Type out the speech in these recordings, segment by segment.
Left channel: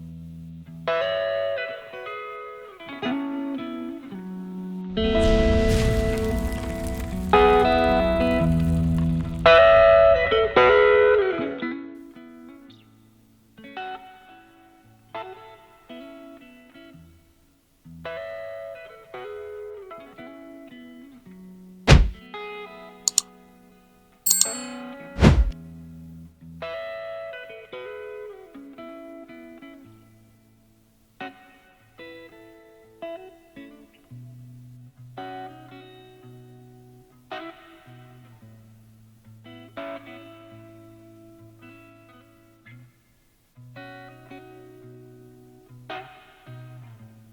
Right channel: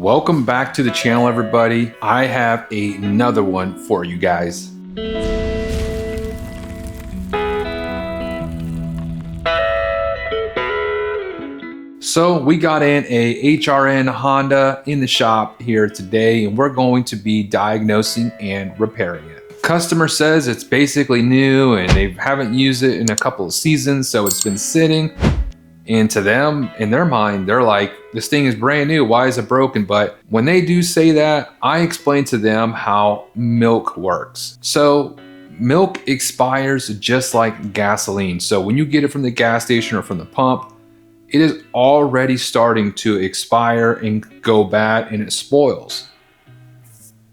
Welcome back to the channel, everybody. I have another one for you guys. So we got in a HRN Honda in the shop here today, and we're going to be diagnosing and repairing it. Customer says it's basically new and they haven't used it in a couple of seasons, so it's been sitting. And to them, in their mind, they're like, this thing is brand new, why is it broken? But when they do say that, I explain to them how milk works. So milk expires just like gasoline. So when you get it from the gas station or from the pump, it is already starting to expire and go bad, and it spoils.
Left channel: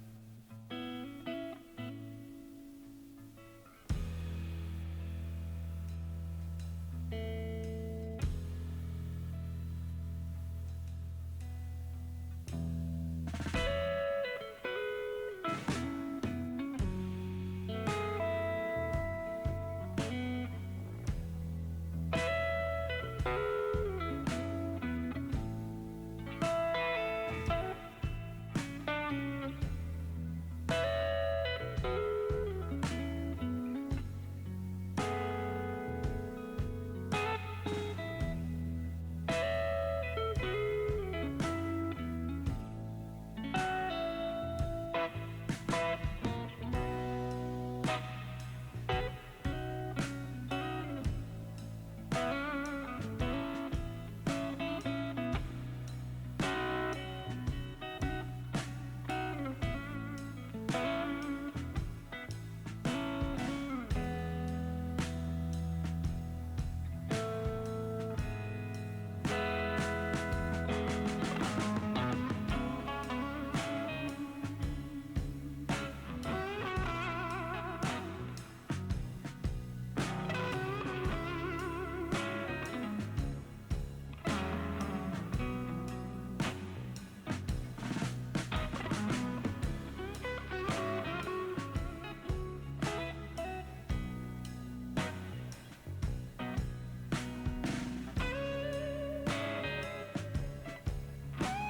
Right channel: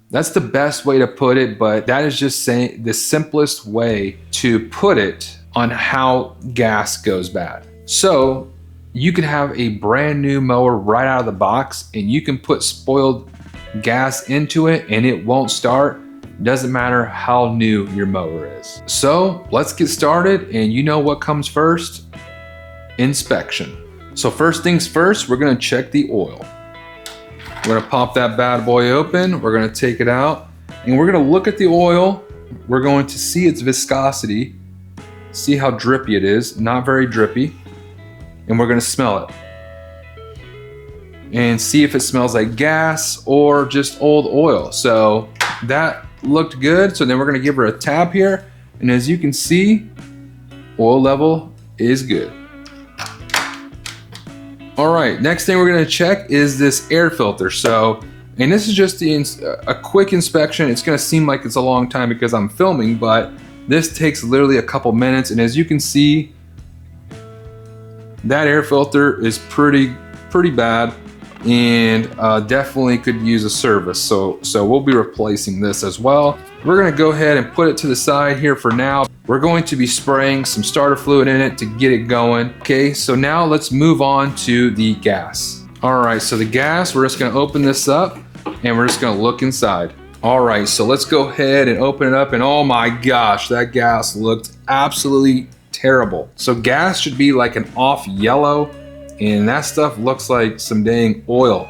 That's the best way to put it, but that is just saying the simplest way to put it on how gas goes bad. So you can have a brand new mower right out of the box and you can put spoiled gas into it and it won't start. Doesn't matter how new your mower is. So let's get started, and you know what comes first? Inspection. So first things first, we're gonna check the oil. We're gonna pop that bad boy open, we're gonna take it out, and we're gonna look at the oil. We're going to see its viscosity, see how drippy it is, not very drippy. And we're gonna smell it and see if it smells like gas or just old oil. So that looked good. So then we're gonna give her a tap here. And as you can see, oil level is good. All right, next thing we're gonna check is this air filter. So, and this is just a quick inspection. It's gonna seem like it's a long time because I'm filming, but this takes literally a couple minutes. And as you can see, that air filter is pretty bad and definitely could use a service. So we'll be replacing this as well. We're gonna go ahead and put it to the side here for now. We're going to be spraying some starter fluid in it to get it going. Okay, so now let's move on to the gas. All right, so the gas, we're just gonna open this up and we're just gonna look inside. All right, so let's go ahead and open it up, and oh my gosh, that gas looked absolutely terrible. So gas should be like an off yellow, and that stuff looks like some dang oil.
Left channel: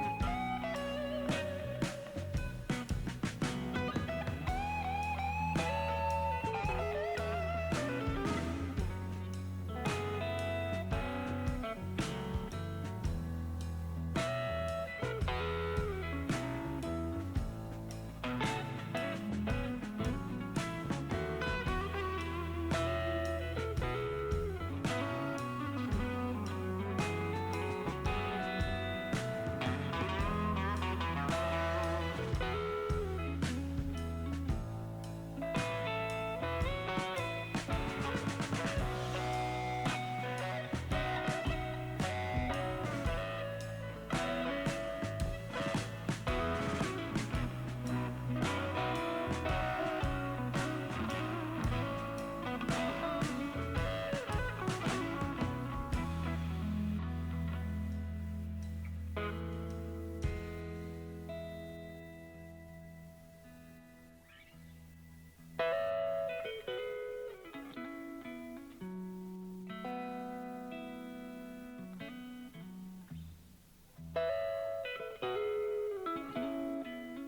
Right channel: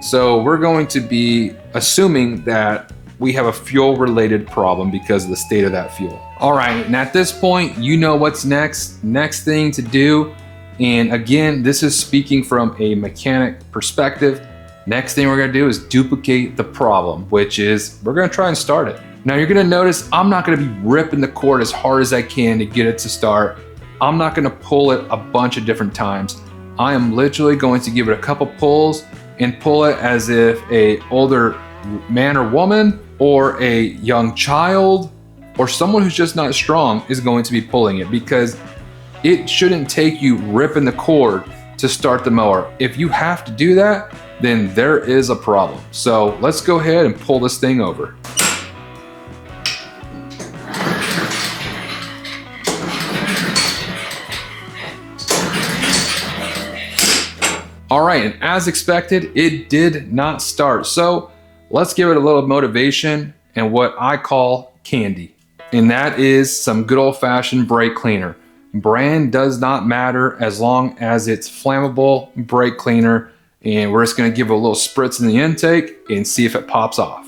So we're going to be assuming that we have a fuel related problem because of the state of that fuel. All right, and at this point, you know what's next. Next thing to do, and again, this is speaking from a mechanic perspective. Next thing we're gonna do is duplicate the problem, which is we're gonna try and start it. Now you're gonna notice I'm not gonna be ripping the cord as hard as I can to get it to start. I'm not gonna pull it a bunch of different times. I am literally going to give it a couple pulls and pull it as if a older man or woman or a young child or someone who's just not strong is going to be pulling it, because it shouldn't take you ripping the cord to start the mower. If you have to do that, then there is a problem. So let's go ahead and pull this thing over. All right, and as expected, it did not start. So let's give it a little motivation and what I call candy. And that is some good old-fashioned brake cleaner. Brand does not matter as long as it's flammable brake cleaner. And we're just gonna give it a little spritz in the intake and see if it pops off.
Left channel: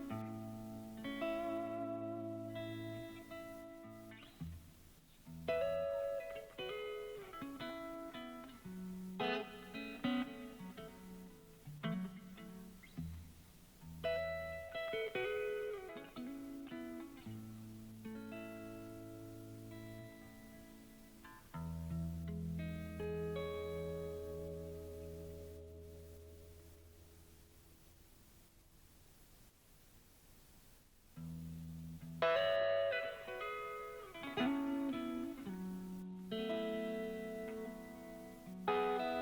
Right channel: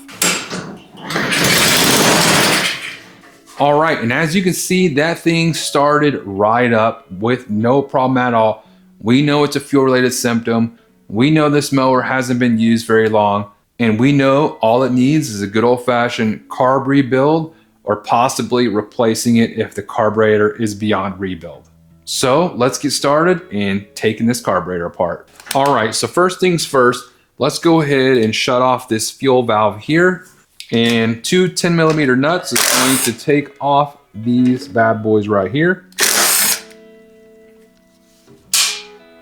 All right, and as you can see, that thing started right up with no problem at all. We know it's a fuel-related symptom. We know this mower hasn't been used very long, and we know all it needs is a good old-fashioned carb rebuild, or possibly replacing it if the carburetor is beyond rebuild. So let's get started in taking this carburetor apart. All right, so first things first, let's go ahead and shut off this fuel valve here. And two 10mm nuts is going to take off these bad boys right here.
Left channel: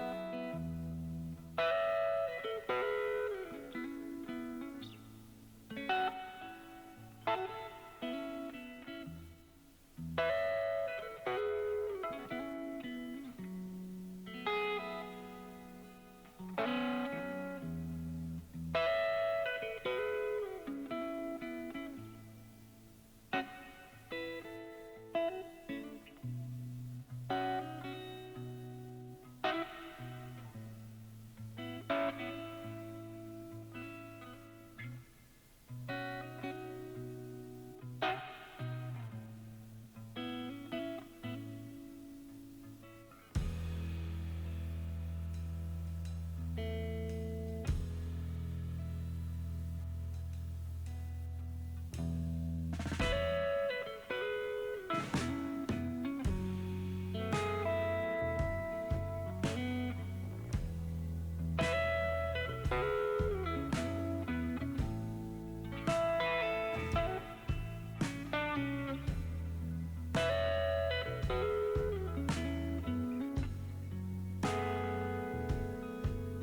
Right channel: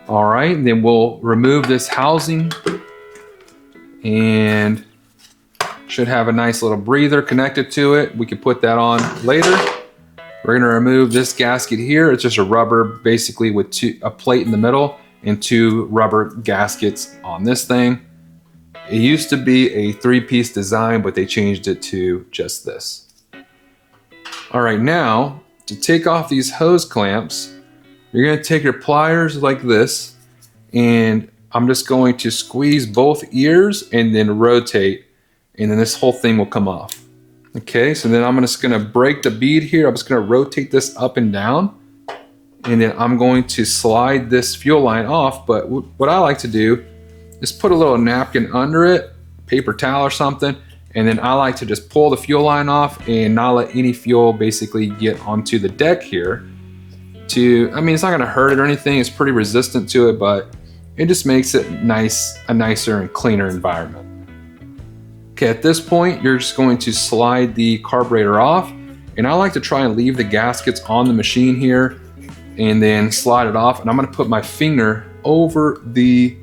All right, then we'll remove this housing and should have a nice little breather connected to it. We can put that on later. We're gonna remove this gasket here. It's just a rubber, basically with a plate in the middle and two rubber gaskets on this thing. It used to be a 3-piece design, but they changed it to just this. All right, now to take off these hose clamps, you're gonna take your pliers like this and I'm just going to squeeze both ears and then rotate, and then this whole thing will come off. Okay, so then I'm just gonna break the bead here. I'm just gonna rotate this up and down, and then I'm going to slide this fuel line off. But what I like to do is put a little napkin under it, paper towel or something, and then I like to just pull the fuel line off and not let any fuel basically get onto the deck here. I mean, it's not gonna hurt it or anything. It's pretty resistant to it, but it just makes it a nicer and cleaner environment. Okay, at this point, you're just going to slide the carburetor off, and I like to try and leave the gaskets on the machine here and then slide it off. And I'm gonna put my finger over the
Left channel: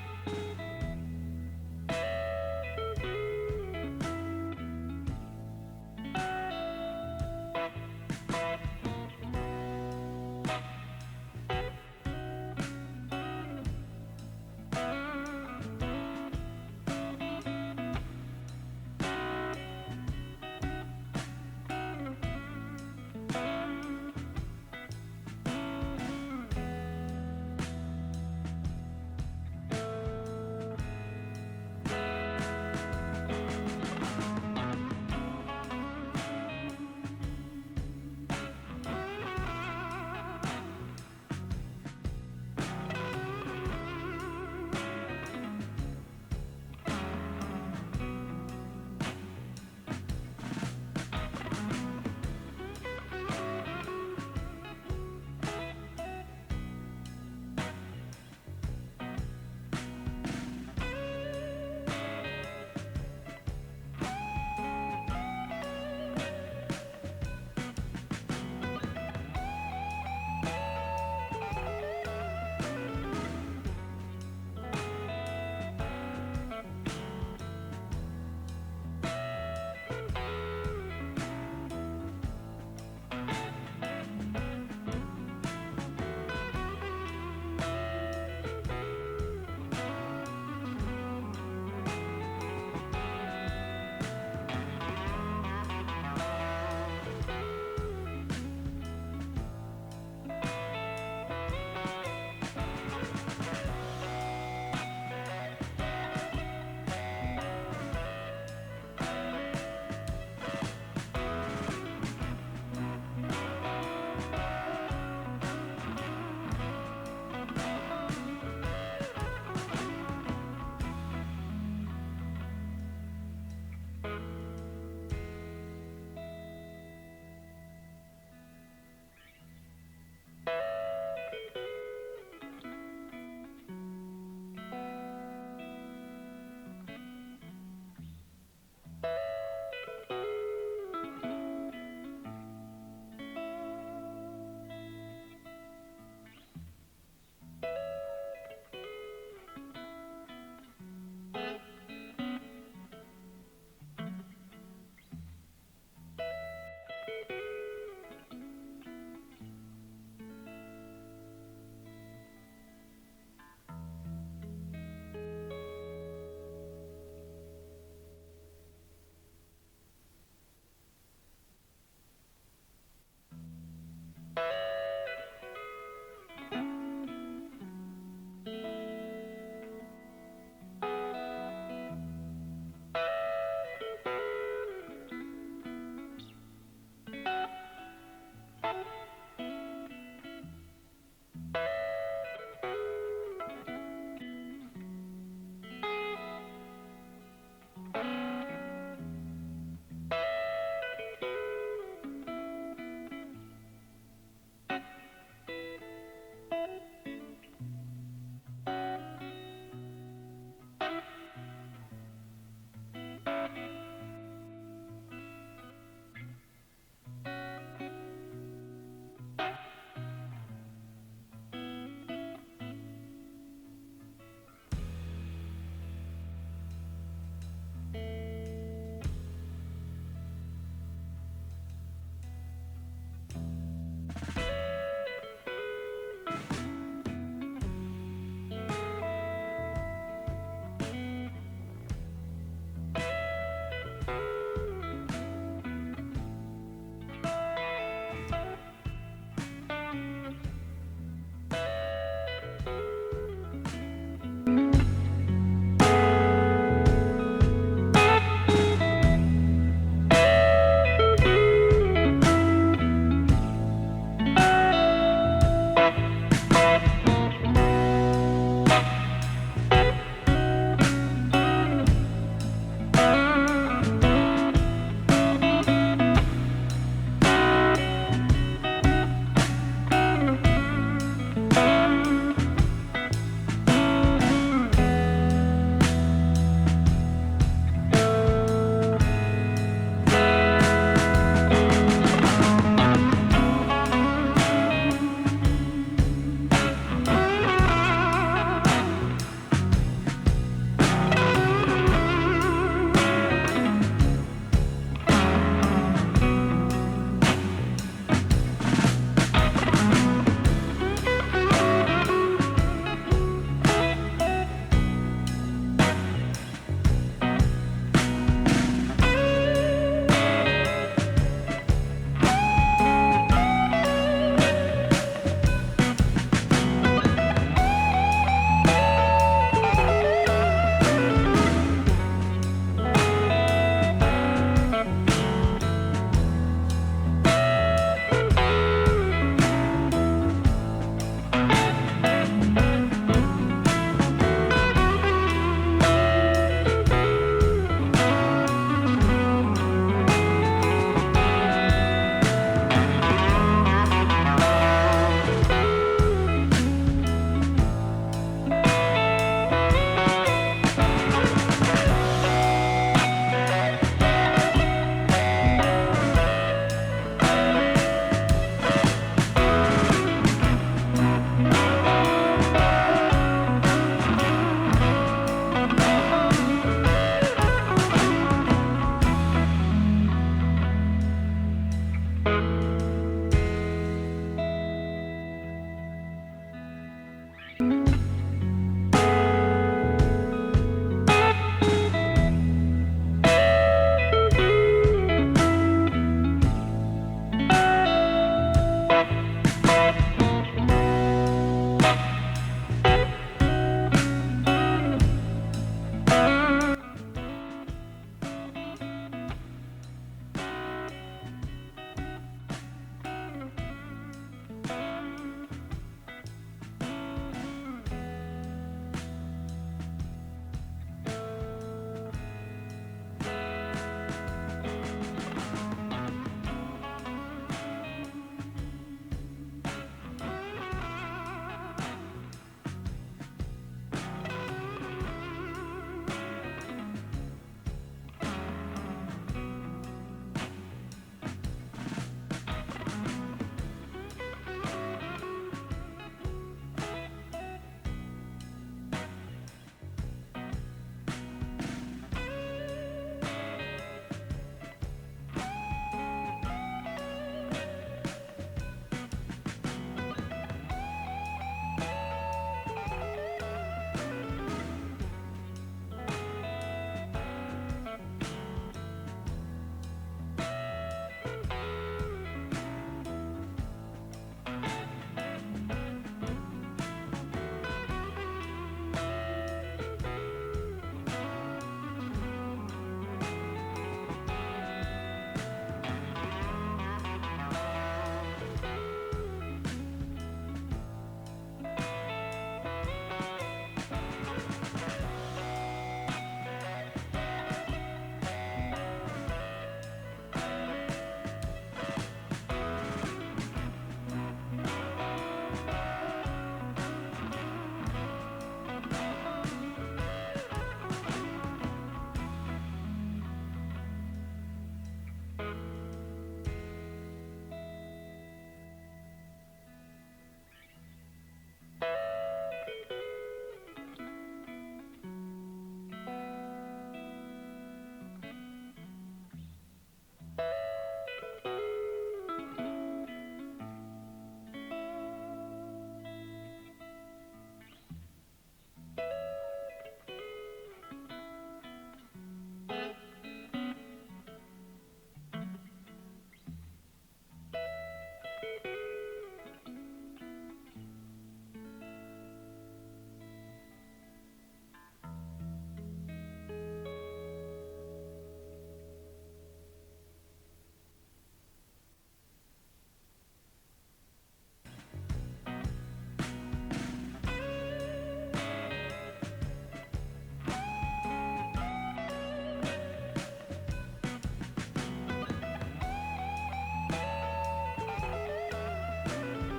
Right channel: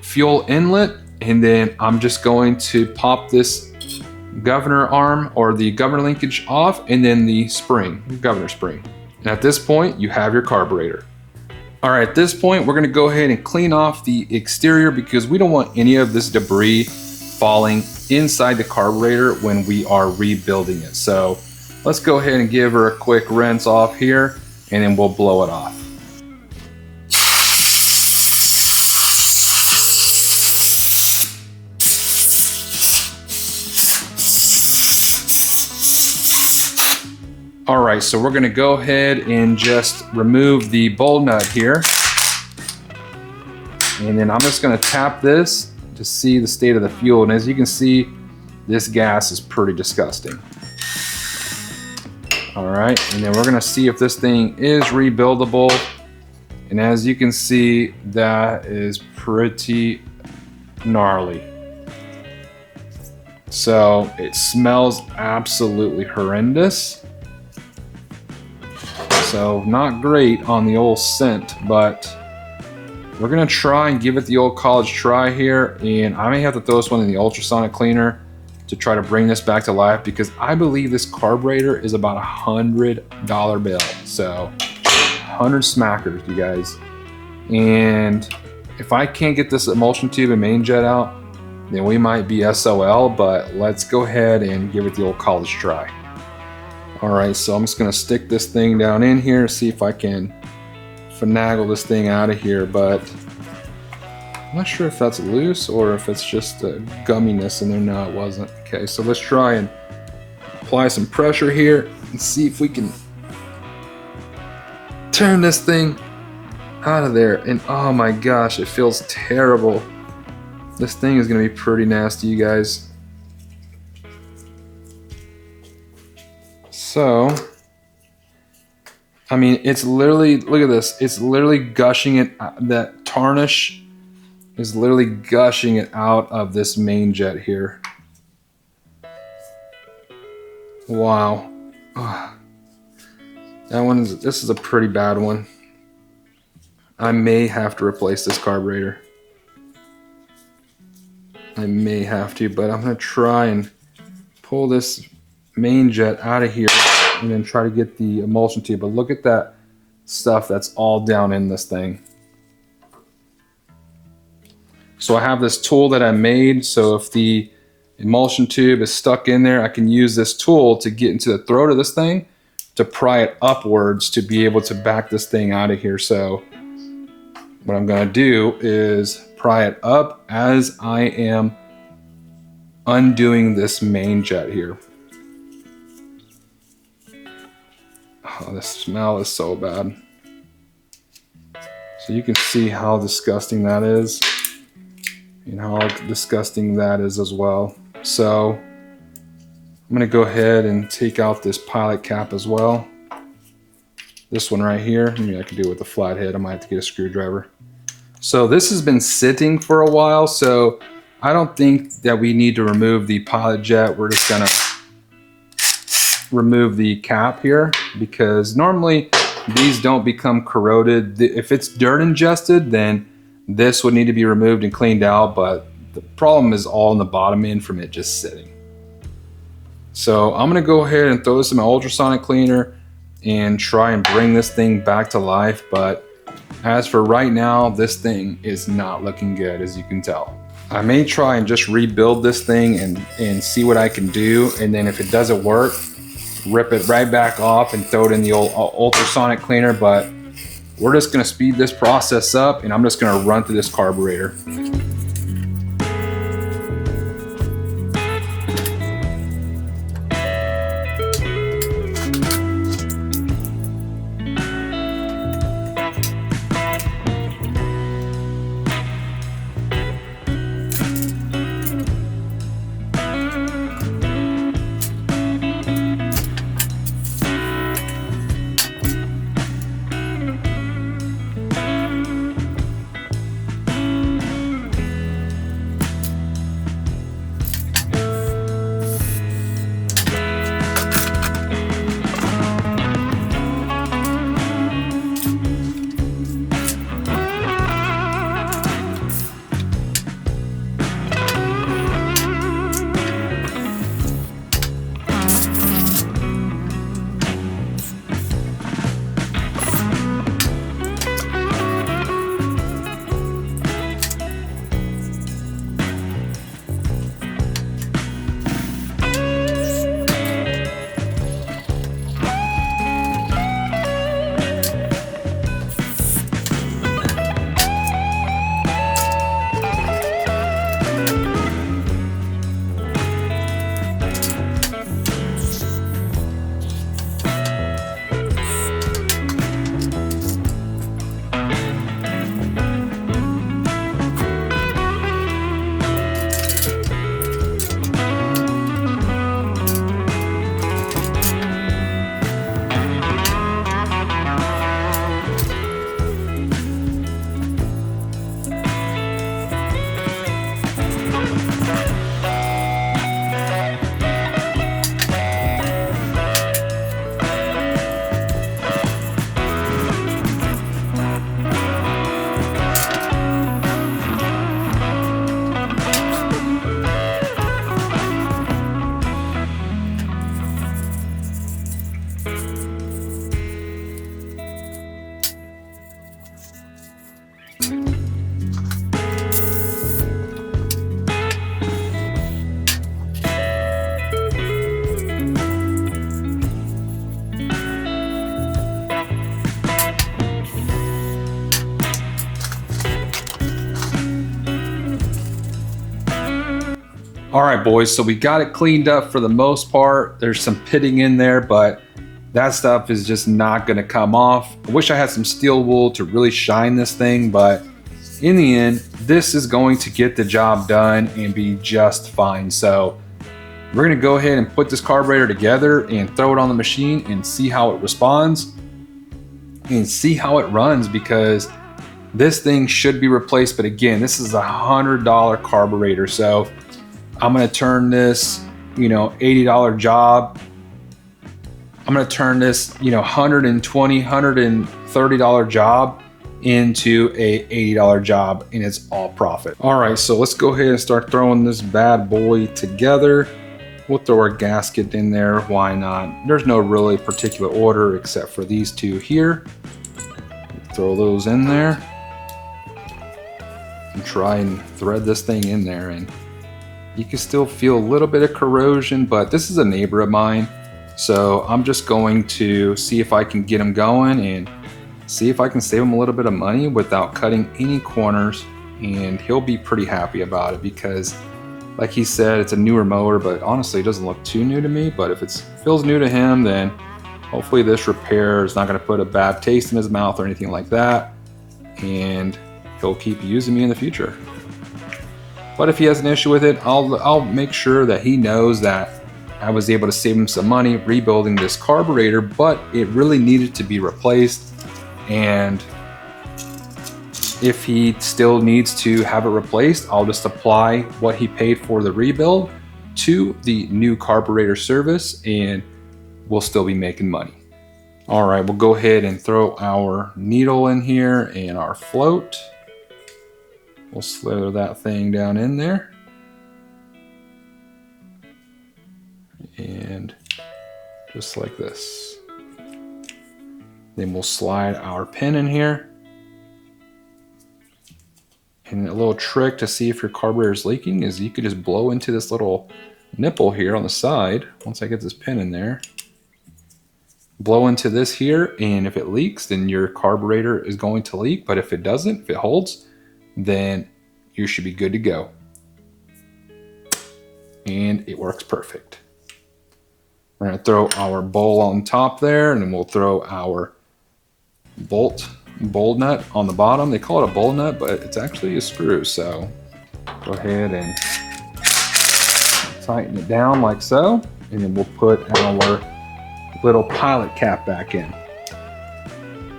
fuel inlet, and then I'm just going to pop this governor arm or the governor linkage off, and then the spring, the governor spring. And at this point, you have your carburetor. All right, at this point, we're gonna go ahead and clean off the exterior because we don't want any of this debris falling inside the carburetor when we are rebuilding it. So let's go ahead and give her a quick rinse off here, and then we'll blow it off. All right, so we're gonna go ahead and just remove the bowl nut here. And then I'm just gonna tap this to see the state of the fuel. And as you can see, this gas is pretty disgusting. All right, and then we're gonna see if this thing is rebuildable. And as you can see, that is pretty gnarly. So it smells absolutely horrendous. So not great on the old scent, but we're gonna try and give it the old college try here, and I may have to throw this one in the ultrasonic cleaner to try to bring this back to life because I believe this carburetor is about $100 bill. So 100 smackers, you guys. And if I can't get this emulsion tube and main jet out, then we might be SOL, but let's go ahead and give it the old college try. All right, so I'm just gonna stick this thing down in here, see if I can finagle this thing out of here, but I'm not sure if that's loose or if it's just a gumminess in there. No, it wasn't. Okay, so let's try and apply some pressure here and see if we can turn this thing out of there. And oh my gosh, it feels terrible. This thing is gonna be pretty nasty, you guys. So, I mean, it's literally, look at this. It's literally gushing it, that tarnish is literally gushing it out of this main jet here. Wow. Oh, this is a pretty bad one. I may have to replace this carburetor. I may have to, but I'm gonna try and pull this main jet out of here and then try to get the emulsion tube. But look at that stuff that's all down in this thing. So I have this tool that I made, so if the emulsion tube is stuck in there, I can use this tool to get into the throat of this thing to pry it upwards to be able to back this thing out of here. So what I'm gonna do is pry it up as I am undoing this main jet here. Oh, the smell is so bad. So you can see how disgusting that is and how disgusting that is as well. So I'm gonna go ahead and take out this pilot cap as well. This one right here, maybe I could do it with a flathead. I might have to get a screwdriver. So this has been sitting for a while, so I don't think that we need to remove the pilot jet. We're just gonna remove the cap here because normally these don't become corroded. If it's dirt ingested, then this would need to be removed and cleaned out, but the problem is all in the bottom end from it just sitting. So I'm gonna go ahead and throw this in my ultrasonic cleaner and try and bring this thing back to life. But as for right now, this thing is not looking good, as you can tell. I may try and just rebuild this thing and see what I can do. And then if it doesn't work, rip it right back off and throw it in the old ultrasonic cleaner. But we're just gonna speed this process up and I'm just gonna run through this carburetor. All right, boys, so we got it cleaned up for the most part. There's some pitting in there, but that stuff is just not gonna come off. I wish I had some steel wool to really shine this thing, but in the end, this is going to get the job done and be just fine. So we're gonna go ahead and put this carburetor together and throw it on the machine and see how it responds and see how it runs, because this thing should be replaced. But again, this is a $100 carburetor. So I'm gonna turn this, $80 job. I'm gonna turn this, $120, $130 job into a $80 job, and it's all profit. All right, so let's go ahead and start throwing this bad boy together. We'll throw our gasket in there, why not? There's no really particular order except for these two here. Throw those in there and try and thread this thing in there, and you can still feel a little bit of corrosion, but this is a neighbor of mine, so I'm just going to see if I can get him going and see if I can save him a little bit of money without cutting any corners, and he'll be pretty happy about it, because like he said, it's a newer mower, but honestly it doesn't look too new to me. But if it feels new to him, then hopefully this repair is not going to put a bad taste in his mouth or anything like that, and he'll keep using me in the future. But if he has an issue with it, I'll make sure that he knows that I was able to save him some money rebuilding this carburetor, but it really needed to be replaced. And if he still needs to have it replaced, I'll just apply what he paid for the rebuild to the new carburetor service, and we'll still be making money. All right, we'll go ahead and throw our needle in here and our float. We'll slither that thing down in there. And just like this. Then we'll slide our pin in here. And a little trick to see if your carburetor is leaking is you could just blow into this little nipple here on the side. Once I get this pin in there, blow into this here, and if it leaks, then your carburetor is going to leak. But if it doesn't, if it holds, then you should be good to go. And it works perfect. We're gonna throw our bowl on top there, and then we'll throw our bowl nut on the bottom. They call it a bowl nut, but it's actually a screw. So go ahead and tighten it down like so, and then we'll put our little pilot cap back in,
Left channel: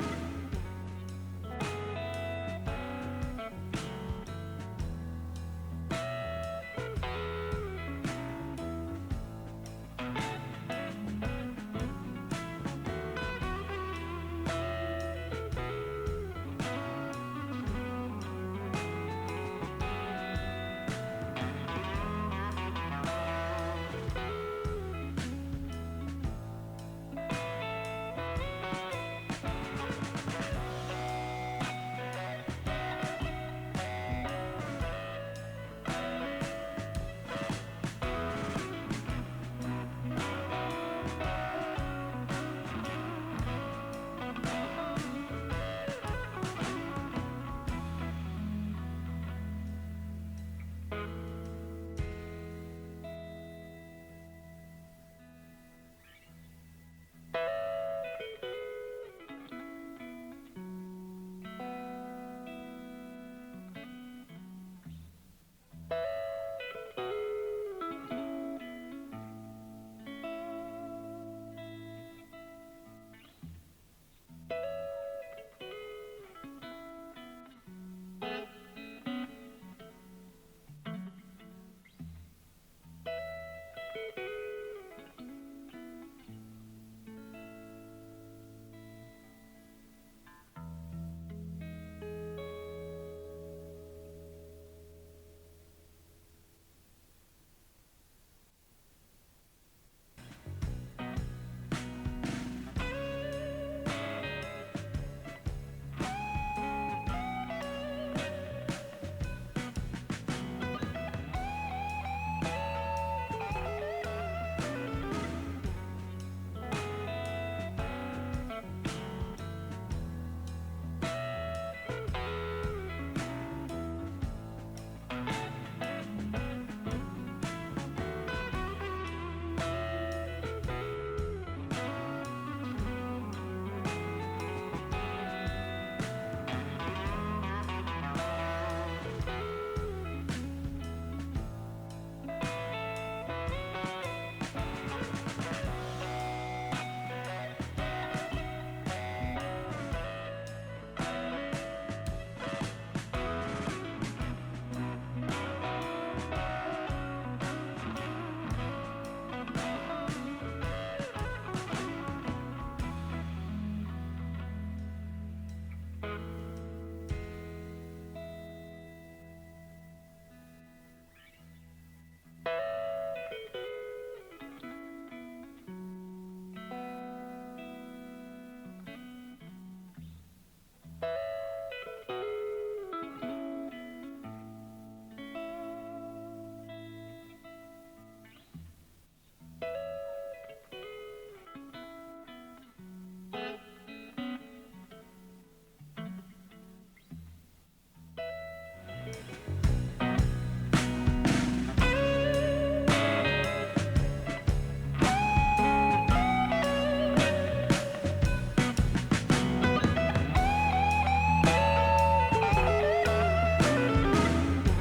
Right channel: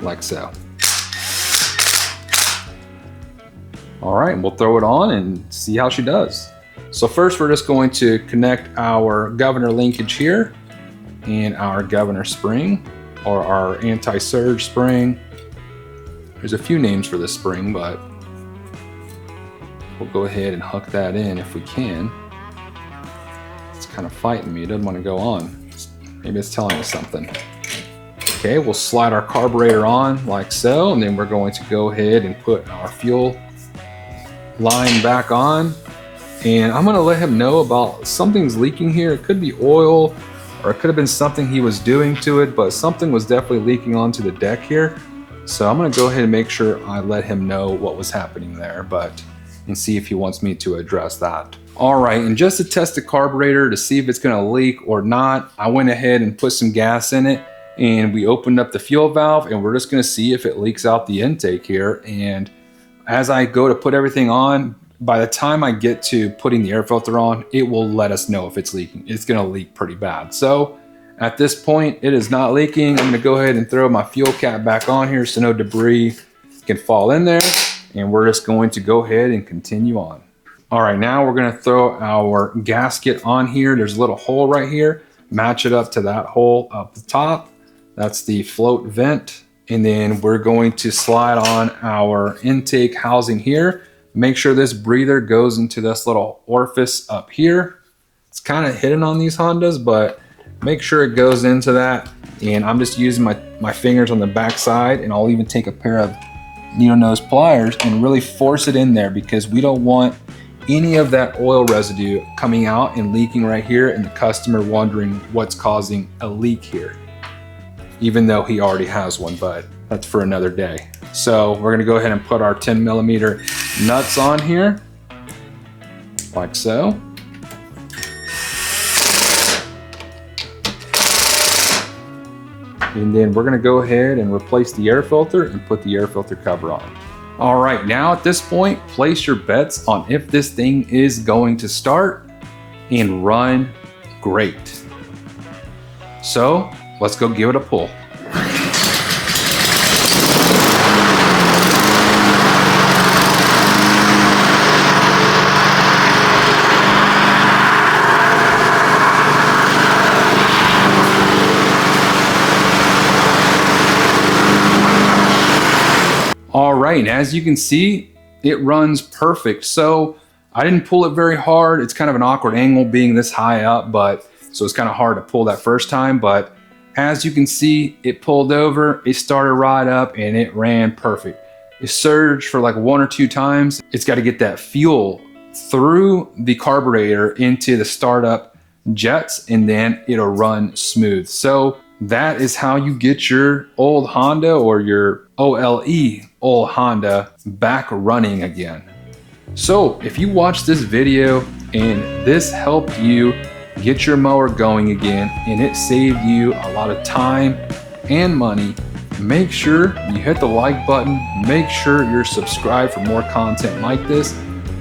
like so. All right, we'll throw it on and see how she does. So first we're just going to connect our governor linkage here and our governor spring, or our anti-surge spring. There's a few names for this spring, but we'll go ahead and hook that in if we can. It's kind of fighting me, it doesn't want to go on. Maybe it's telling us something. Okay, we'll slide our carburetor on like so, and then we're going to go ahead and put our fuel line back on. And I'm gonna let him know about something's leaking here. It could be oil, or it could have been something he was doing to it, but something was definitely leaking onto the deck here. So I'm gonna go ahead and make sure I let him know what was happening there, and see if he wants me to address that. All right, and just to test the carburetor to see if it's gonna leak or not, I went ahead and put some gas in it, and we opened up the fuel valve, and we're just gonna see if it leaks out the intake here. And as I go to put everything on, by the time I get to putting the air filter on, it will let us know if it's leaking. It's gonna leak pretty bad. So at this point, it is not leaking. I'm gonna go ahead and throw my fuel cap back on here so no debris can fall in there. And we're just going to go ahead and continue on. All right, now we're gonna throw our gasket on here. There's a little hole right here. Match it up to that hole up the top. That's the float vent. And then we're going to slide on our intake housing here. Make sure this breather goes into this little orifice up here. It's kind of hidden on these Hondas, but make sure it goes into that. And I'm just using my fingers on the back side, and I'll even take a pair of needle nose pliers and really force it in there, because we don't want any of that oil residue coming out and leaking right here, and the customer wondering what's causing a leak here, even though he already has one, but that's for another day. So we're gonna go ahead and put our 10mm nuts on here, like so. And then we're gonna go ahead and replace the air filter and put the air filter cover on. All right, now at this point, place your bets on if this thing is going to start and run great. So let's go give it a pull. All right, and as you can see, it runs perfect. So I didn't pull it very hard. It's kind of an awkward angle being this high up, so it's kind of hard to pull that first time. But as you can see, it pulled over, it started right up, and it ran perfect. It surged for like 1 or 2 times. It's got to get that fuel through the carburetor into the startup jets, and then it'll run smooth. So that is how you get your old Honda or your OLE old Honda back running again. So if you watched this video and this helped you get your mower going again and it saved you a lot of time and money, make sure you hit the like button. Make sure you're subscribed for more content like this.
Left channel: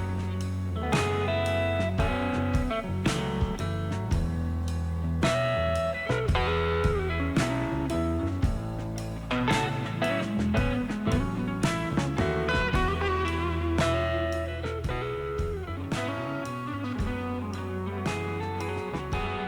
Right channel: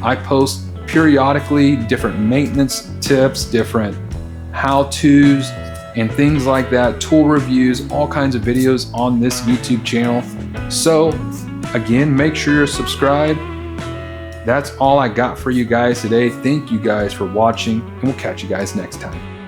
I post periodically different maintenance tips, different how-tos, and things like that, tool reviews, all kinds of videos on this YouTube channel. So again, make sure you're subscribed. That's all I got for you guys today. Thank you guys for watching, and we'll catch you guys next time.